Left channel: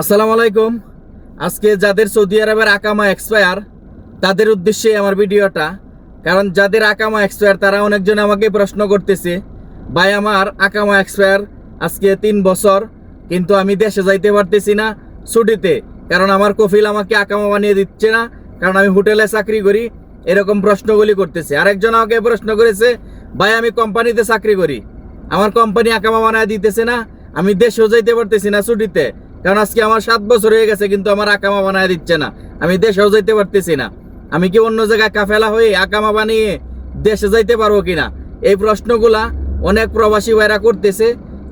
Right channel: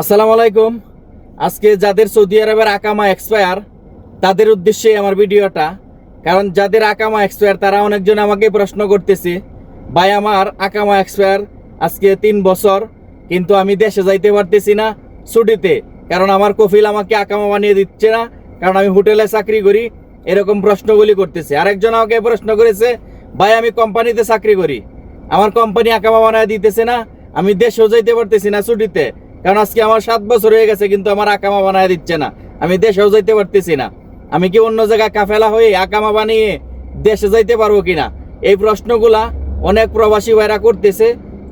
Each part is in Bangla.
আসসালামু আলাইকুম। আজকে যাদের সৌদি আরবের আকামা এক্সপায়ার তাদের উদ্দেশ্যে আমার ভিডিওটা। কারণ যাদের আকামা এক্সপায়ার তারা অনেকজন আমাকে প্রশ্ন করতেছে, ভাই, আমার আকামা এক্সপায়ার আজকে তিন বছর, কিন্তু আমি দেশে যাইতে পারতেছি না ছুটিতে। কারণ আমার কফিল আমাকে আকামা বানিয়ে দিচ্ছে না, কারণ আমি হোটেলে চাকরি করি। এরকম প্রশ্নগুলি করতেছে। আরেকজন আমাকে প্রশ্ন করেছে, ভাই, আমি কোম্পানিতে চাকরি করি। আমার কোম্পানি আকামা বানায় দিতেছে না, আমি দেশেও যাইতে পারতেছি না ছুটিতে। কারণ আজকে আমার সাত বছর হয়ে গেছে, কিন্তু আমার আকামা বানায় দিচ্ছে না। আমি দেশেও যাইতে পারতেছি না। আমি কি অন্য জায়গায় কাফেলা হয়ে আকামা বানিয়ে দেশে যাইতে পারব কিনা? এই প্রশ্নগুলা অনেক প্রবাসী ভাইরা করতেছে,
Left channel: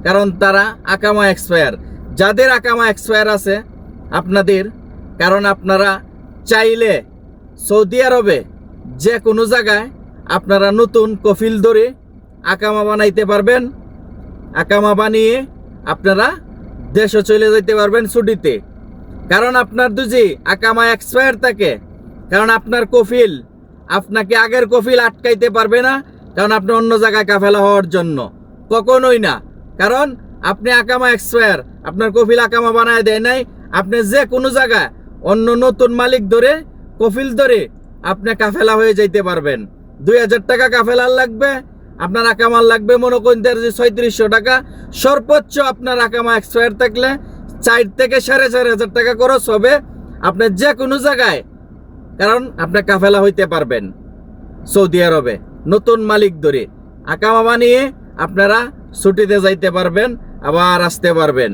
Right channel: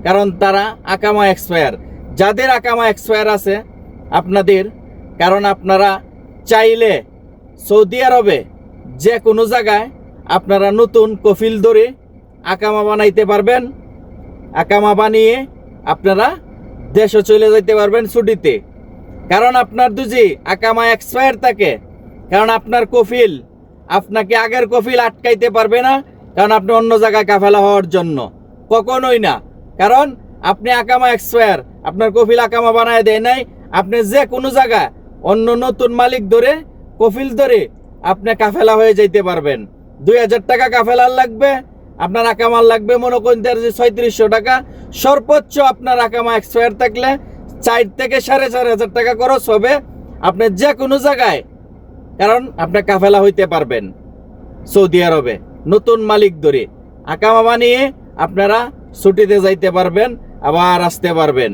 কারণ তারা আকামা এক্সপায়ার যাদের আকামা এক্সপায়ার আছে, আপনাদের, কারণ আপনারা চাইলে সৌদি আরবে যে কোনো জায়গায় আপনারা নতুন কফিল ধরে আকামা বানাইতে পারবেন। আকামা বানিয়ে আপনারা দেশে চলে যেতে পারবেন ছুটিতে। কারণ আপনার দুজি আকামা এক্সপায়ার থাকে। কারণ আপনার কফিল, আপনাকে আগের কফিল আটকাইতে পারবে না, কারণ আপনি অন্য জায়গায় কাফেলা হওয়ার জন্য। কখনোই না। কারণ আপনি আকামা এক্সপায়ার আপনার কফিল আকামা বানায় দেয় নাই, আপনি যে কোনো জায়গায় অন্য নতুন মালিক ধরে, কফিল ধরে আপনি কাফেলা হয়ে যাইতে পারবেন। দুই হাজার টাকা কাফেলার লাগবে আপনার আকামার লাগবে, মনে করেন যে ছয়ত্রিশশো টাকা। সর্বোচ্চ আপনার আকামা এক্সপায়ার থাকলে চার থেকে সাড়ে চার হাজার টাকা খরচ হবে আপনি যে কোনো জায়গায়, কারণ আপনি কাফেলা হইতে পারবেন সৌদি আরবে, নতুন মালিক ধরে। আকামা বানিয়ে আপনারা ছুটিতে যাইতে পারবেন, আবার আসতে পারবেন,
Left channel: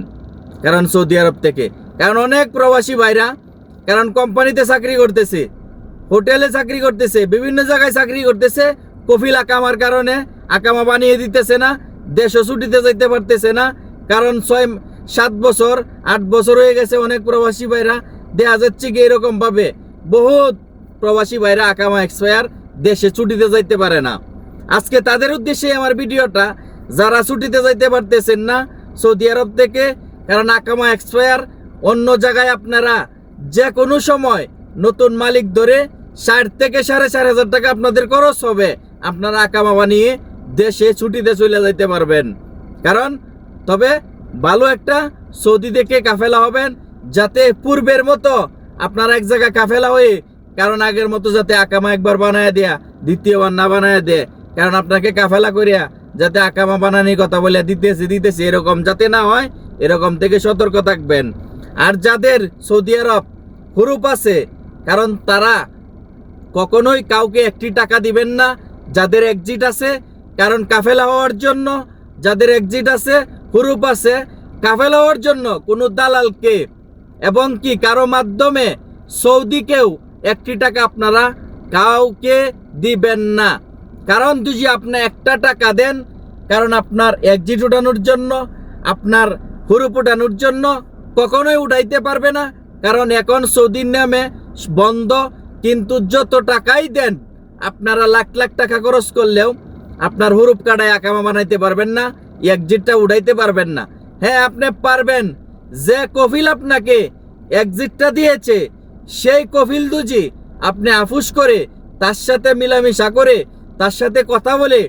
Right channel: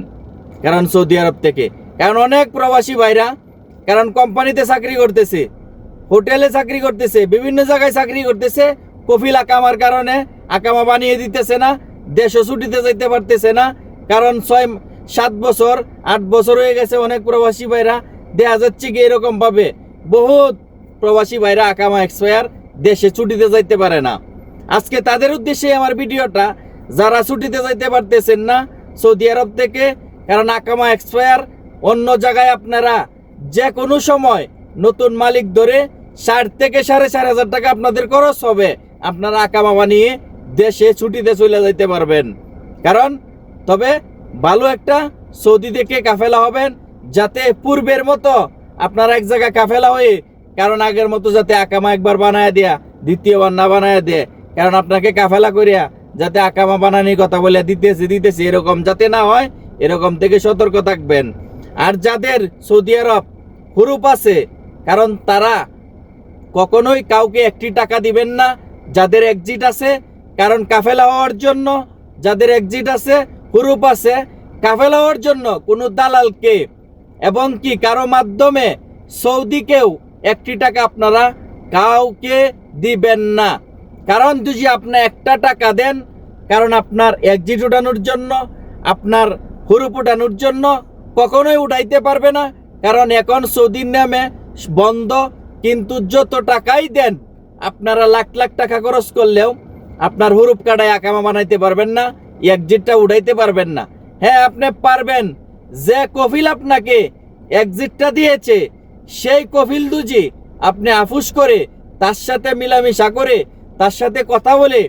কারণ সৌদি আরব থেকে। কারণ অনেক প্রবাসী ভাইরা, কারণ কোম্পানিতে চাকরি করতেছে, হোটেলে চাকরি করতেছে, বিভিন্ন জায়গায় চাকরি করতেছে কফিল আকামার কারণে আকামা বানিয়ে দিতেছে না দেশে ছুটিতে যাইতে পারতেছে না, কারণ ছয়, সাত বছর, আট বছর হয়ে গেছে অনেক প্রবাসী ভাইরা দেখা যাচ্ছে কি এরকম ভাবে? বহুত প্রবাসী ভাইরা আকামা এক্সপায়ার দেশে ছুটিতে যাইতে পারে না। আজকে তাদের উদ্দেশ্যে আমার ভিডিওটা, যারা ছুটিতে যাইতে পারতেছেন না, সৌদি আরব থেকে, কারণ আকামা এক্সপায়ার অন্য জায়গায় আপনারা যে কোনো সময় নতুন মালিক ধরে ষাট থেকে সাড়ে চার হাজার টাকা আপনাদের খরচ হবে। আপনারা আকামা বানিয়ে দেশে, ছুটিতে চলে যাইতে পারবেন। কারণ তবে ভালো একটা সৌদি থেকে কাফেলা হবেন, যাতে পূর্বের মতো আপনারা এক জায়গায় কাফেলা হয়ে, কারণ আগের মতো যাতে আকামা একবার বানায় দেয়া, দ্বিতীয়বার না বানায় দেয়। কারণ আপনাকে কাফেলা করিয়া যাতে আকামা বানানি কথা বলে দিতেছে দিতেছে, এরকম যাতে না হয়, এরকম থেকে সতর্ক থাকবেন। আর যাদের সৌদি আরব হুরুপ আছে, কারণ তারা কখনোই কাউকে একটি টাকা দিবেন না যাদের এক্সিট আছে, কারণ কাফেলা হওয়ার জন্য যাদের এক্সিট আছে, হুরুপ আছে, কাফেলা হওয়ার জন্য কোনো দালালকে এবং কি কারও মাধ্যমে সৌদিকেও একটি টাকা আপনারা কাউকে দিবেন না? কারণ যদি আপনি একটা টাকা দেন, কারণ আপনার এক্সিট উঠানোর জন্য, আপনার হুরুপ উঠানোর জন্য কখনোই উঠাইতে পারবে না। কারণ এখন সৌদির নামে বন্ধ, কিন্তু যত টাকাই দেন আপনারা লাখ লাখ টাকা খরচ করলেও আপনার হুরুপ কাটায় আকামা বানাইতে পারবেন না এক্সিটটা উঠাইতে পারবেন না। হ্যাঁ আপনি পারবেন। যে কফিল আপনাকে এক্সিটটা দিয়েছে, সেই কফিল দুজি আপনি আফুস করে, তার সাথে মিলামিশা করে, তার সাথে কথা বলে,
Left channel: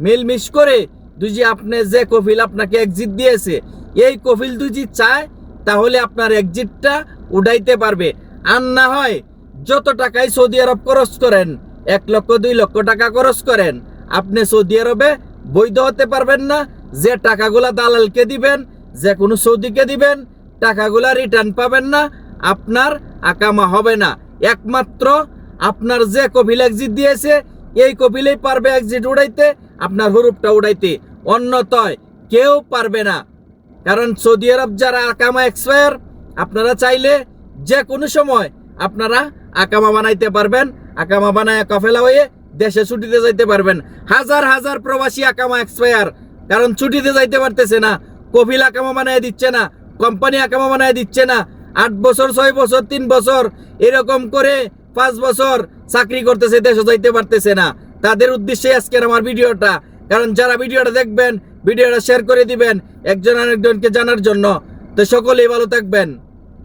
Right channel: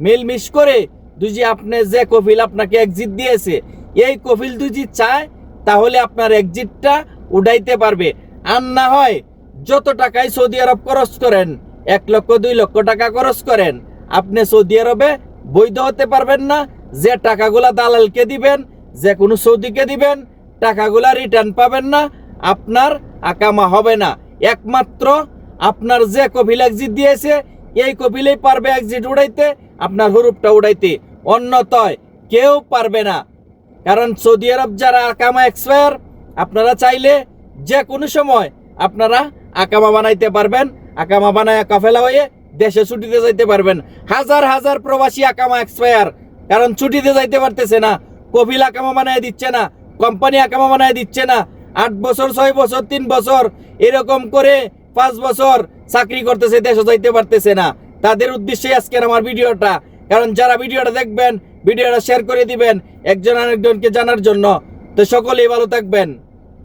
মিলমিশ করে দুজি আপনি যে কফিল আপনাকে এক্সিট দিয়েছে, এই কফিল দুজি চায়, তাহলে আপনার এক্সিটটা উঠাইতে পারবে। আর না হয় যত টাকাই সৌদি আরব খরচ করেন এক লক্ষ, দুই লক্ষ টাকা খরচ করেন। আপনি সৌদি আরবে বৈধ হতে পারবেন না। যে টাকাগুলা দালালকে দিবেন, যে কোনো সৌদিকে দিবেন, টাকাগুলা রিটার্ন পাবেন না। আপনার আকামা হবে না। একমাত্র আপনার যে কপিল এক্সিট দিয়েছে, এই কপিলেই পারবে এক্সিট উড়াইতে, আপনার হুরুপটা উড়াইতে। অন্যতয় কেউ পারবে না। কারণ সৌদি আরব যারা আকামা এক্সপায়ার আপনারা চাইলে যে কোনো সময় আপনারা আকামা বানাইতে পারবেন। আকামা বানায় কাফেলা হয়ে দেশে ছুটিতে যাইতে পারবেন। হাজার হাজার প্রবাসী আকামা এক্সপায়ার, কারণ ছুটিতে যাইতে পারতেছে না। কফিল আকামা বানায় দিচ্ছে না, কোম্পানি আকামা বানায় দিচ্ছে না। আট বছর, ছয় বছর, তিন বছর, এরকম করে পাঁচ বছর চাকরি করতেছে, দেশে যাইতে পারতেছে না। তাদের উদ্দেশ্যে আজকের আমার ভিডিওটা। কারণ যারা ভিডিওটা দেখবেন, ভিডিওটা শেয়ার করে দিবেন, একজন আরেকজনকে জানার জন্য। তো সকলেই ভালো থাকবেন।